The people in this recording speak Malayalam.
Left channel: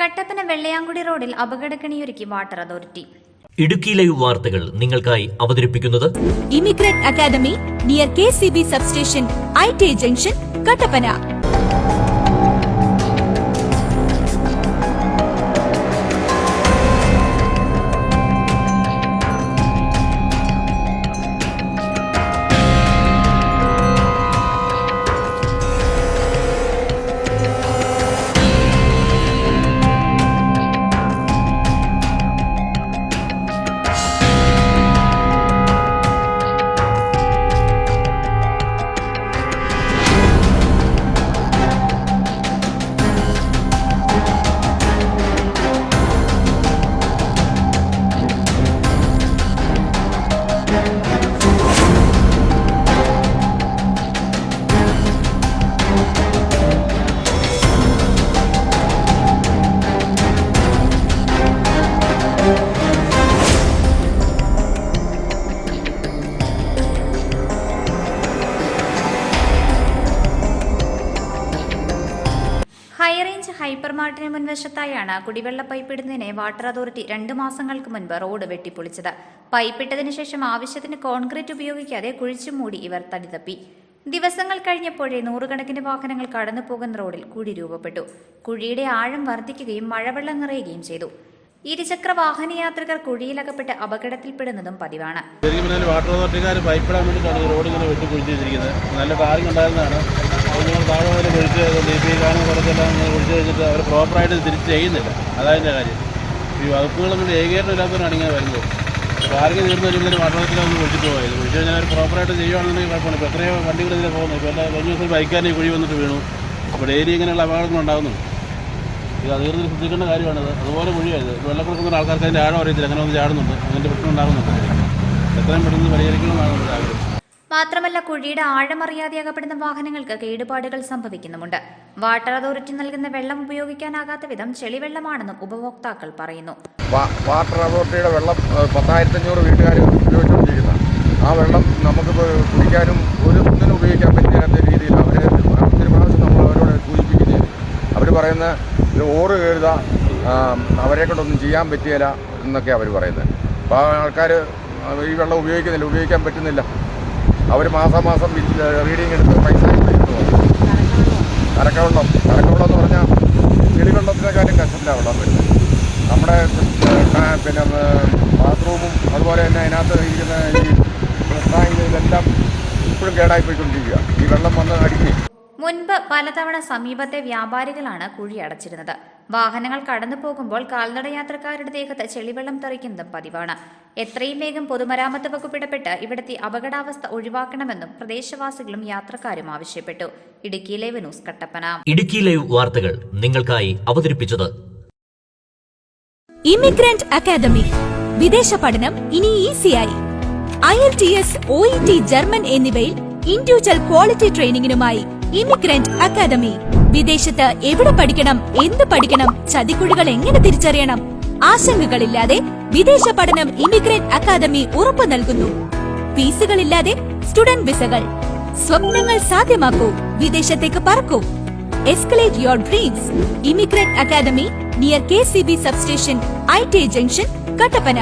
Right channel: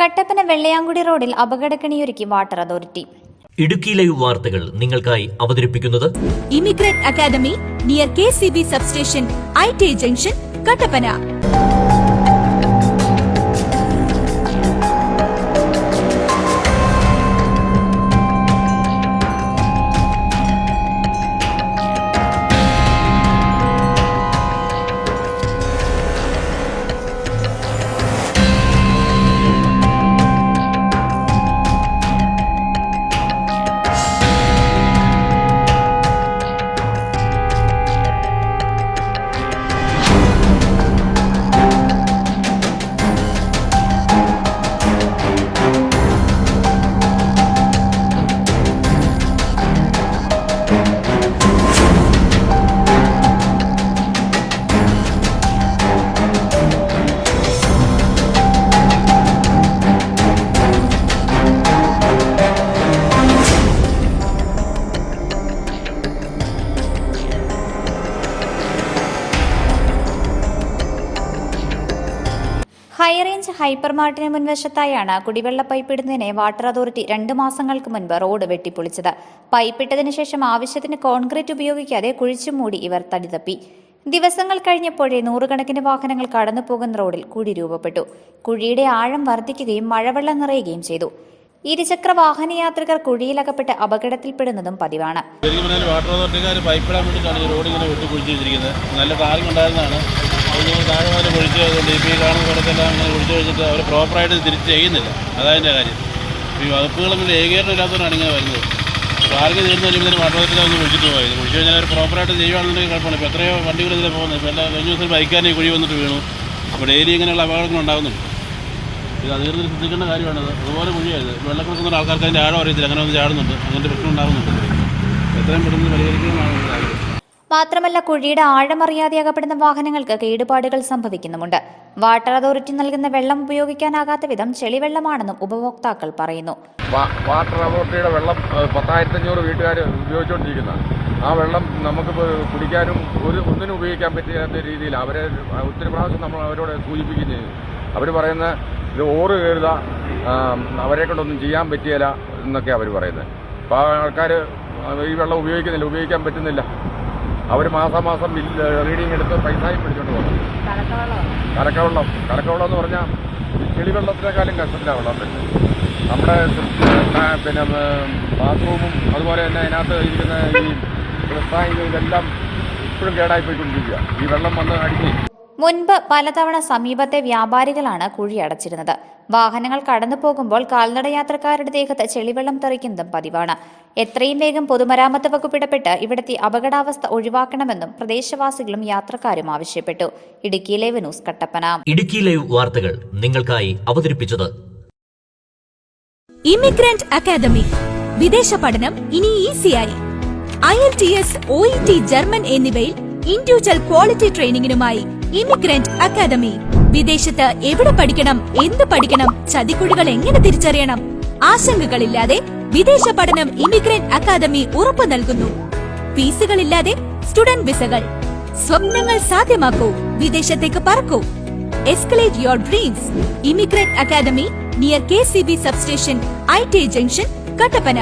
കട്ടപ്പന വെള്ളയാങ്കുടി റോഡിൽ അപകടക്കണിയൊരുക്കി വാട്ടർ അതോറിറ്റി. ഇടുക്കി ലൈവ് വാർത്തകൾ നിങ്ങൾക്കായി അവതരിപ്പിക്കുന്നത് immigrant academy near KCB substation IT junction Kattappana. High range ഹൈപ്പർമാർട്ടിന് മുൻവശത്തായാണ് കുടിവെള്ള പൈപ്പ് ഇടുന്നതിനെ വാട്ടർ അതോറിറ്റി 2 മാസങ്ങൾക്ക് മുൻപ് റോഡ് വെട്ടിപ്പൊളിച്ചത്. പൈപ്പിട്ടതിനു ശേഷം ആവശ്യത്തിന് കോൺക്രീറ്റ് ഉപയോഗിക്കാതെ കുഴിച്ചുമൂടി ഇവർ തടിതപ്പി. ദിവസങ്ങൾ കഴിഞ്ഞപ്പോഴേ നൂറുകണക്കിന് വാഹനങ്ങൾ കടന്നു പോകുന്ന റോഡിൽ കുഴി രൂപപ്പെട്ടു. കുഴിയുടെ ആഴം വർദ്ധിക്കുകയും മഴവെള്ളം നിറയുകയും ചെയ്തു. ഇരുചക്ര വാഹന യാത്രികർ കുഴിയിലകപ്പെട്ട് അപകടത്തിൽപ്പെടുന്നതും പതിവാണ്. വാട്ടർ അതോറിറ്റിക്കാർ പൈപ്പിടാൻ വേണ്ടിയിട്ടാണ് ഈ റോഡ് ഇങ്ങനെ വെട്ടി കുഴിച്ച് വെച്ചിരിക്കുന്നത്. നല്ല ടാറിങ് ഉണ്ടായിരുന്നതാണ്. അത് ഞങ്ങൾ താഴെ മുതൽ കുഴിച്ച് ഈ കാണുന്ന കുറച്ചെല്ലാം ഇങ്ങനെ കുഴിച്ച് കഴിഞ്ഞിട്ട് അവർ പ്രോപ്പറായിട്ട് തിരിച്ച് ചെയ്യുന്നില്ല. അതതിൻ്റെ കാര്യം. ഈ വകുപ്പുകളൊന്നും ഏകീകരണം ഇല്ലാത്തവരാണ് ഇങ്ങനെ വരുന്നത്. ടാറിങ് തീർന്നു കഴിയുമ്പോൾ വാട്ടർ അതോറിറ്റിക്കാരൊന്ന് കുഴിച്ചിട്ട് പോയത്. കുഴിച്ച് കഴിഞ്ഞാൽ അവർ പ്രോപ്പറായിട്ട് ചെയ്യുകയാണെന്നുണ്ടെങ്കിൽ കുഴപ്പമാണ്. ഇപ്പോൾ എത്രയോ വണ്ടികൾ ഇതിലെ പോകുന്നത്. ഇപ്പോൾ എല്ലാ കഴിഞ്ഞ ദിവസം ബൈക്കാരനെ കുഴി വന്നിട്ട് വീണു. അപ്പോൾ ഡെയിലി ഇങ്ങനെയുള്ള അപകടങ്ങൾ ഉണ്ടാകുന്നുണ്ട്. ഇത് അധികൃതർ ശ്രദ്ധിക്കേണ്ട കാര്യമാണിത്. അതുപോലെ കുഴിയായത് വെള്ളക്കൊടുക്കുന്ന ആൾക്കാർക്ക് അതിൻ്റെ ആഴം അറിയത്തില്ല. അങ്ങനെ ഒന്ന് ചാടുന്നുണ്ട്. അങ്ങനത്തെ പ്രശ്നം ഉണ്ടാകുന്നുണ്ട്. എത്രയും പെട്ടെന്ന് പരിഹരിക്കണമെന്നാണ് എൻ്റെ ആഗ്രഹം. മാത്രമല്ല കുഴിയുടെ ആഴമറിയാതെ അകപ്പെടുന്ന വാഹനങ്ങൾക്ക് കേടുപാടുകൾ സംഭവിക്കുന്നുമുണ്ട്. വാട്ടർ അതോറിറ്റി നൽകുന്ന വെള്ളം ഉപയോഗിക്കാനാകാത്ത വിധം ചെളിവെള്ളമാണെന്നും ഉപഭോക്താക്കൾ പറയുന്നു. വാട്ടർ അതോറിറ്റിയുടെ വെള്ളം 10,500 വീട്ടുകാർ ഉപയോഗിച്ചുകൊണ്ടിരിക്കുന്ന ആ വെള്ളം നമുക്ക് കുടിക്കാനും ഒന്നിനും ഉപയോഗിക്കാൻ പറ്റിയാത്ത രീതിയിൽ അവർ ഒത്തിരി പ്രാവശ്യം നമ്മൾ അവരോട് സൂചിപ്പിക്കുകയും ചെയ്തു. അവർ പറയുന്ന ഇത് ഓറ് കയറുക, അവരെ കൊണ്ടൊന്നും ചെയ്യാൻ പറ്റിയില്ല എന്നൊക്കെ അവർ പറയുന്നത്. അപ്പോൾ ആൾക്കാർ ഈ വെള്ളം ഉപയോഗിക്കാൻ പറ്റുന്നില്ല. അവർ മാസം റീഡിങ് എടുത്ത് പൈസയും പിടിച്ചുകൊണ്ട് പോകുന്നു. കലക്കവെള്ളം എന്ന് പറഞ്ഞാൽ ചെളിവെള്ളത്തിനേക്കാളും കഷ്ടത്തിലാണ് വെള്ളം വരുന്നത്. നമ്മുടെ പിന്നെ ബാത്റൂമും അതുപോലെ തന്നെ അതിനകത്ത് ഇരിക്കുന്ന ഈ ടാങ്ക് ഇതെല്ലാം ഇപ്പോഴും കേടായിപ്പോയിക്കൊണ്ടിരിക്കുക. ഈ വെള്ളം വന്ന് അടിഞ്ഞ് മുൻപ് പലതവണ സമീപത്തെ വ്യാപാരികളാണ് കുഴി അടച്ചിരുന്നത്. വാഹനങ്ങൾ കടന്നു പോകുമ്പോൾ കാൽനട യാത്രക്കാരുടെ ദേഹത്ത് ചെളിവെള്ളം തെറിക്കുന്നതും പതിവാണ്. എത്രയും വേഗം പൊതുമരാമത്ത് വകുപ്പ് ഇടപെട്ട് ഇവിടുത്തെ അപകടാവസ്ഥ ഒഴിവാക്കണമെന്നും പ്രദേശവാസികളും യാത്രക്കാരും ആവശ്യപ്പെട്ടു. Idukki live news Kattappana. Idukki live വാർത്തകൾ നിങ്ങൾക്കായി അവതരിപ്പിച്ചത് ഇമിഗ്രന്റ് അക്കാദമി. വിദേശ പഠനം ഇനി ഈസിയായി. IELTS, OET, ജർമ്മൻ എന്നിവയിൽ ഇൻഡിവിജ്വൽ ക്വാളിറ്റി ട്രെയിനിങ്ങിനുമായി ഇമിഗ്രന്റ് അക്കാദമി. വിദേശത്ത് എവിടെ പഠിക്കണം, എന്ത് പഠിക്കണം, ചതിക്കുഴികൾ എങ്ങനെ തിരിച്ചറിയണം, ആശങ്കകളില്ലാതെ വിദേശ പഠനം ഇമിഗ്രന്റ് അക്കാദമി ഉറപ്പു നൽകുന്നു. ഫീസുകളില്ലാതെ സ്റ്റുഡന്റ് വിസകൾ. സ്വപ്നങ്ങൾ സാധ്യമാക്കൂ. വിദേശത്തേക്ക് പറക്കൂ. Escalate your dreams. Immigrant academy near KCB substation IT junction Kattappana.